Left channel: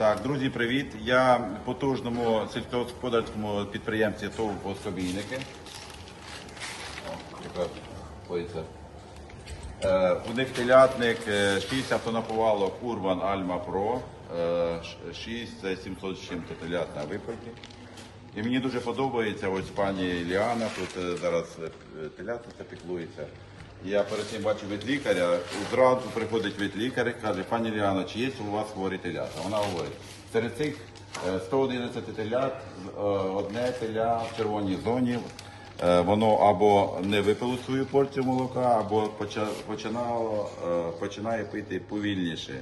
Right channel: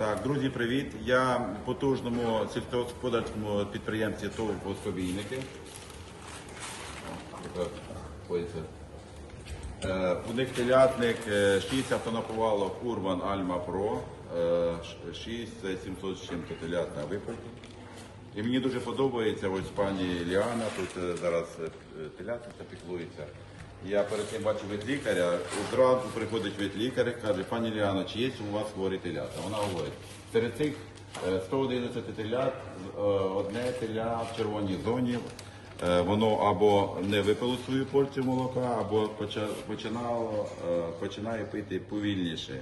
Так, друзі, привіт. Я потужному сільськогосподарському підприємстві ТОВ «Особійники». О, якраз ходиться. Е, у них телятник, е, 6 автонаповалок Urban Alma Pro, е, ш- 6 700 з чим телят на виклики. І мені дуже подобається ось пані Ліана, тут е, зараз е, телята це піклується. Я перед цим бачив ветлікаря, зранку приходить ветлікар і каже, пані Ліана, чи є у вас хворі телята? Вона говорить, серед цих е, 111 телят, е, одне теля в червоній зоні, Е, воно або не випило свою порцію молока, або починало, е, починає пити повільніше.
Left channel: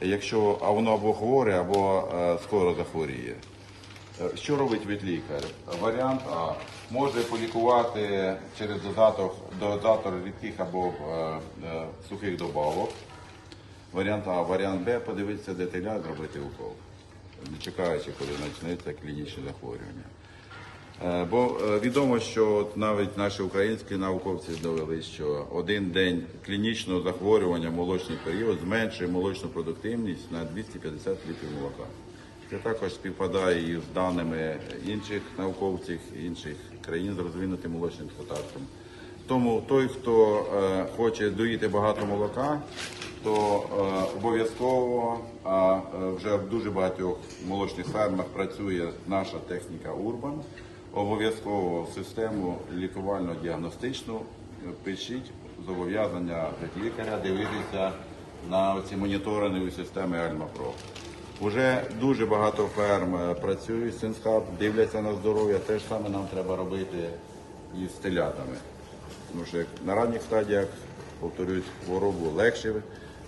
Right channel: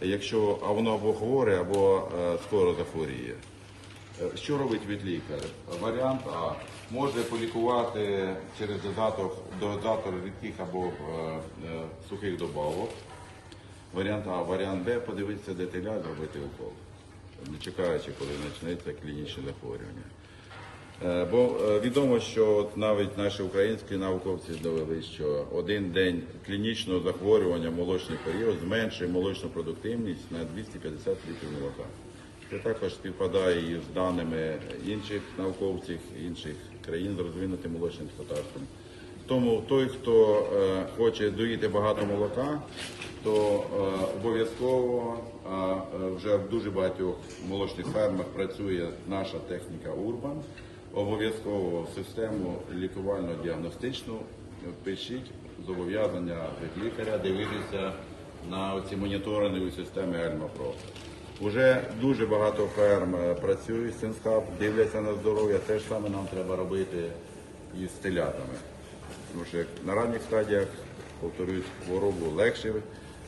Якщо а воно або хворе, або е, скоро захворіє. Е, Що робить ветлікар? Варіант А. Може полікувати через додаток, додатор рідких або е, е, сухих добавок. Варіант А. Варіант Б. Подивитися деталя, зробити укол. Не чекаючи, коли почнеться клінічне захворювання. Е, Бо е, відомо, що от навіть наші українські науковці довели, що один день клінічного захворювання молочний період зменшує молочну продуктивність на 250 літрів молока. Це також співпадає і з даними інших науковців інших країн з розвинутим молочним господарством. Тому той, хто е, хоче доїти багато молока, то е, обов'язково, а е, вже в дуже багатьох молочних фермах працює наша техніка Урбан. Обов'язково систему лікувально-діагностичну е, пишіть зобов'язання лікаря дивитися на ці моніторингові системи Альма Про. Уже дуже багато ферм е, працюють з цим стаб, дивляться на здоров'я. Те ж саме нам треба робити із телятами. Тому що на ранніх стадіях, повторюсь, хворобу легше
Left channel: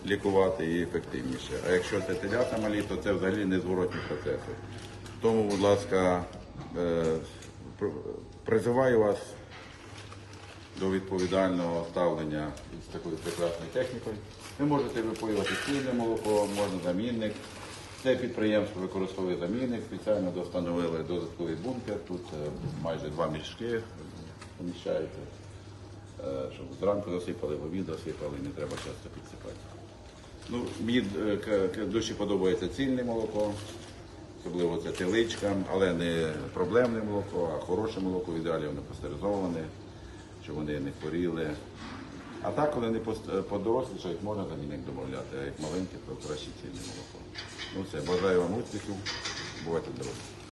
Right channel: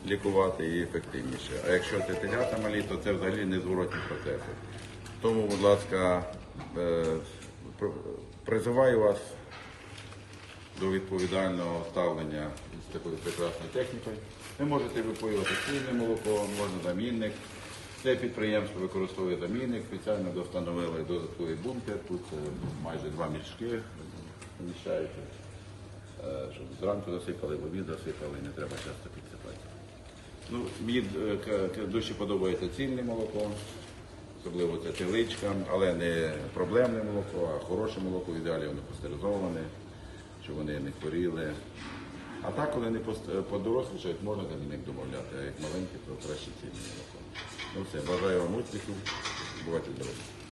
лікувати і ефективніше. А якщо це телята малі, то це взагалі незворотні процеси. Тому, будь ласка, е, призиваю вас до відповідального ставлення з такою прекрасною технікою. Ви можете випоювати цільне молоко, можна замінник. Це підприємство використовує замінник, спеціально достановили додатковий бункер. Тут е, майже два мішки поміщається, е, щоб зранку засипали, в обід засипали, не треба часто підсипати. Ну, мені е, дуже подобається цільне молоко, особливо це теличкам, але не проблемне молоко, а хороше молоко, ідеалі воно пастеризоване, щоб вони не хворіли. А так, коли не пост- подорослішають, можна до них додати, а як маленькі, то краще цільне молоко. Ну все, бажаю вам успіху, бувайте здорові.